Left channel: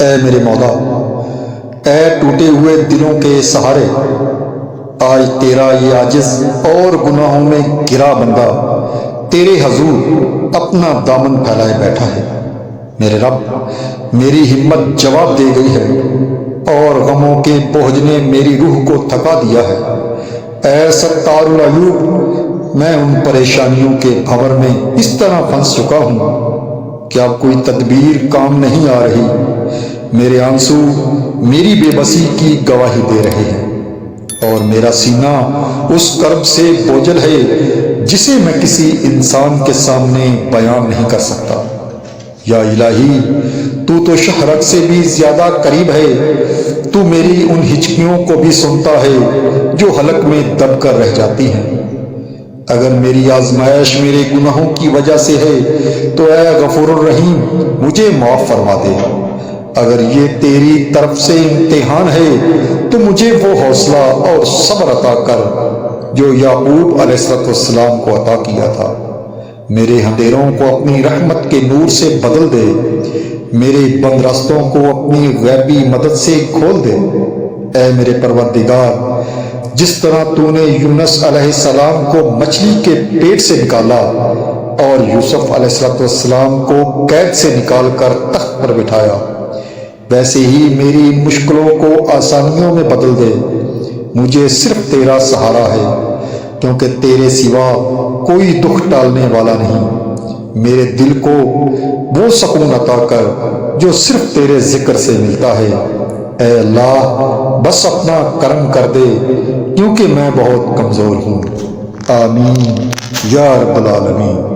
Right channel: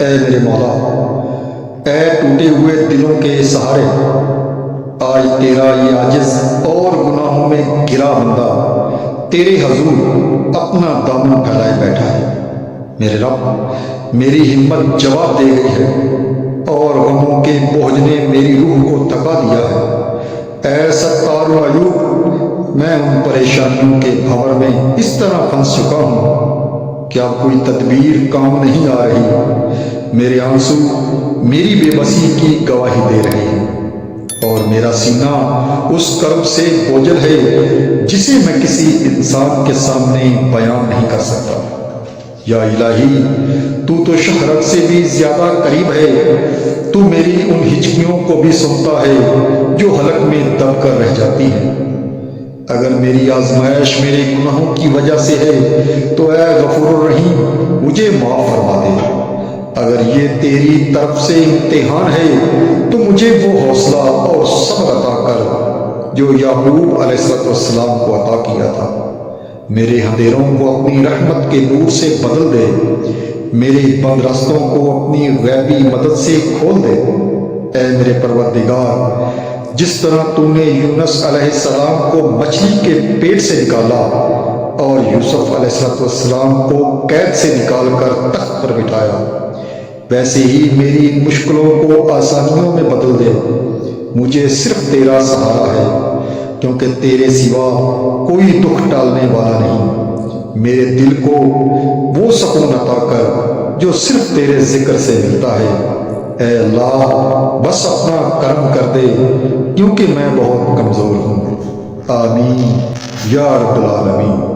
اے میرے مولا، اے ٹوٹے ہوئے دلوں کے سہارے، آج تیرا یہ عاجز اور گناہوں میں گرا بندہ تیرے حضور اپنا دامن پھیلائے بیٹھا ہے۔ میرے رب، میری ہمت جواب دے گئی ہے اور غموں کے بوجھ نے میری روح کو تھکا دیا ہے۔ اے ستار العیوب، میں ان پریشانیوں کے بھنور میں اس طرح پھنس چکا ہوں کہ اب کوئی تدبیر کام نہیں آ رہی۔ میرے آنسو میری بے بسی کی گواہی دے رہے ہیں، اور میرا سینہ اس کرب سے بوجھل ہے جسے میں کسی انسان کے سامنے بیان نہیں کر سکتا۔ یا الہی، تو شہرک سے بھی زیادہ قریب ہے۔ تو میری ان ہچکیوں کو بھی سنتا ہے جو حلق میں دب کر رہ جاتی ہیں۔ اگر میری آزمائش میرے گناہوں کی وجہ سے ہے تو اے غفور الرحیم مجھے معاف فرما دے۔ اگر یہ تیری طرف سے امتحان ہے تو مجھے وہ حوصلہ اور صبر عطا کر جو یعقوب علیہ السلام کو عطا کیا تھا۔ میرے اندھیروں کو اپنی رحمت کے نور سے بدل دے، میرے بند راستوں کو اپنی غیبی مدد سے کھول دے۔ اے میرے پروردگار، جس طرح تو نے یونس علیہ السلام کو مچھلی کے پیٹ سے نکالا اور یوسف علیہ السلام کو قید سے نکال کر تخت پر بٹھایا، ویسے ہی میری مشکلوں کو آسانیوں میں بدل دے۔ مجھے صرف تیرا سہارا ہے، کیونکہ تیرے سوا کوئی دکھ ٹالنے والا نہیں۔ میرے دل کو وہ سکون عطا کر جو صرف تیرے ذکر سے ملتا ہے۔ اے اللہ، بس اپنا کرم کر دے، کیونکہ میں بہت کمزور ہوں۔ آمین یا رب العالمین۔